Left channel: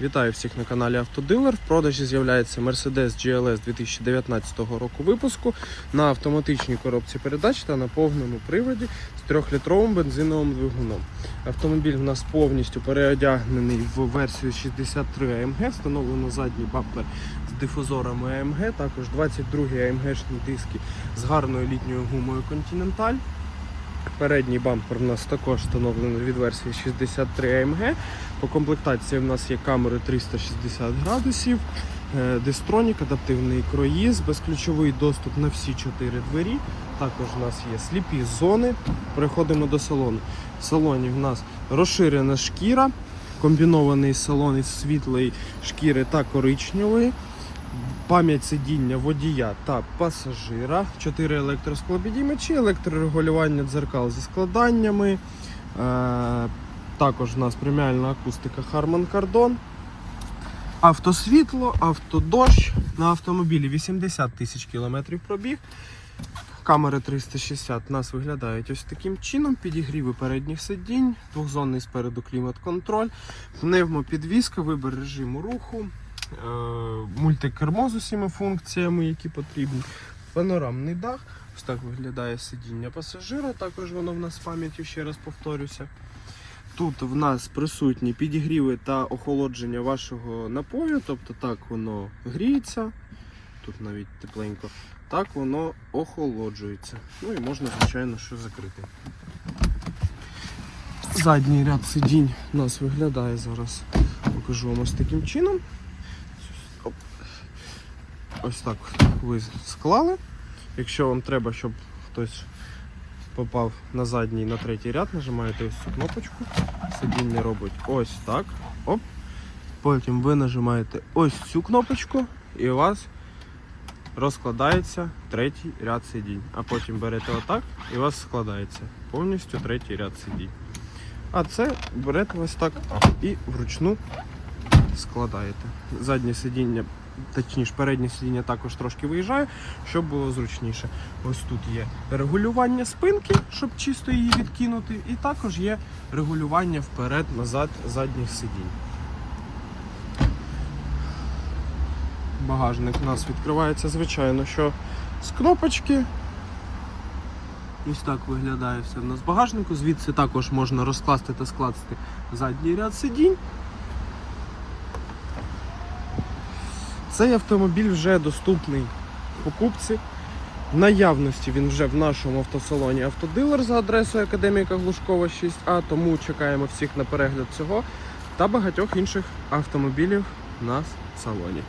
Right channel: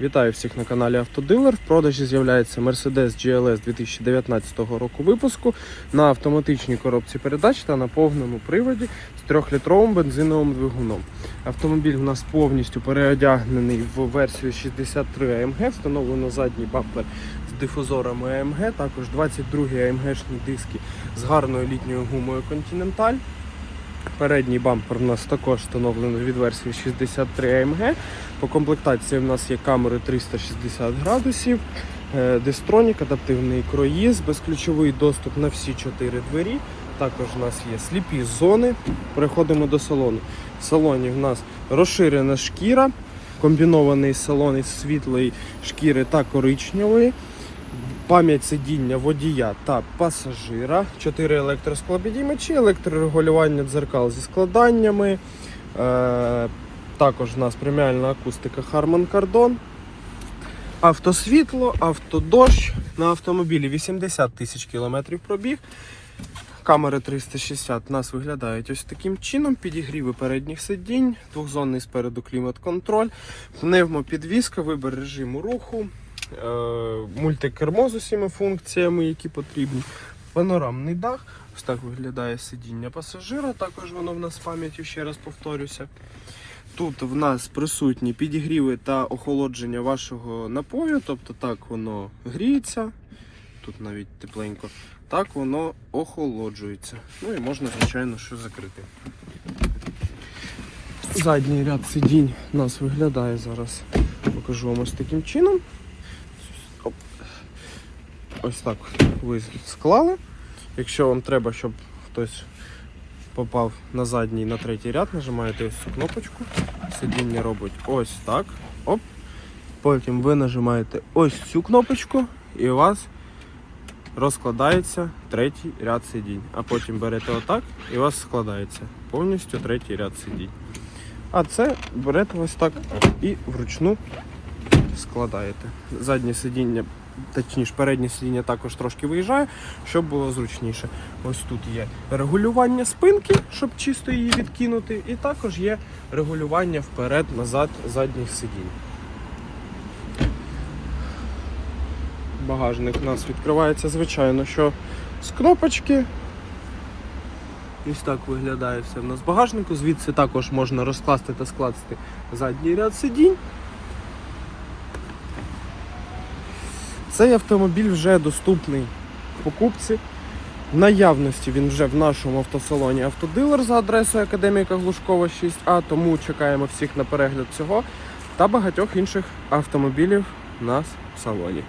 Вітаю всіх на каналі Автодилер. В продажі з'являється Mercedes GLS 2019 року випуску на автоматичній коробці передач та на повному приводі з 3-літровим бензиновим двигуном. Автомобіль у нас повністю переодягнений в версію 63 AMG, встановлено задній бампер з дифузорами AMG, також 22 AMG-шні диски з гарною літньою гумою Continental. Передній бампер у нас також встановлений від версії 63 AMG. По комплектації в нас є камери 360 градусів, е, дистронік, адаптивний круїз, безключовий доступ на всі чотири двері. Також у нас є сліпі зони. Переходимо до салону. В салоні в нас розширена шкіра, комбінований салон із світлої шкіри та коричневої. Пам'ять сидіння водія та пасажира, 4 електросклопідіймачі, електрорегулювання дзеркал зі складаннями. Е, також у нас преміальна акустика Harman Kardon. Автосвітло, автодощ. На автомобілі 80 тисяч кілометрів пробіг. Камери 360 у нас виглядають ось таким чином. Підігріви передніх сидінь, двохзонний спереду клімат-контроль, пневмопідвізка, вибір режиму руху, мультикермо з усіма функціями, які потрібні. Панорамний дах. Ось так виглядає сидіння пасажира. Також воно в нас з пам'яттю, ще раз повторюся. Тут в нас присутні підігріви та охолодження вашого напою, тобто так воно гріється, тут навіть тепленько, так воно охолоджується. Ну і можна, звичайно, що закрити. Задній ряд сидінь у нас виглядає зараз. Покажу вам ось таким чином. Ось так ви склали. Якщо вам треба, щоб хтось попав на задній, на третій ряд, нажимаєте ось цю кнопочку. Сидіння робить ось так. Оп. Потім ви нажимаєте ось цю кнопочку і у вас розкладається третій ряд сидінь. А потім берете отак і у вас складається повністю третій ряд сидінь. А це берете ось так і вручну складаєте. Заднє сидіння, точніше, переднє сидіння також трошки виїжджає, щоб було зручніше. Ось тут є регулювання спинки, щоб чисто її відкинути, і також є регулювання вперед-назад задніх сидінь. Багажник у нас відкривається, звичайно, що з кнопочки. Ось так виглядає все в нас багажнику. Звідси також можна розкласти та скласти задній ряд сидінь. Цей автомобіль вже доступний покупці. В наявності він вже в нашому автосалоні автодилер за адресою Академіка Глушкова 6А, тому чекаємо всіх на перегляд цього та багатьох інших автомобілів в салоні.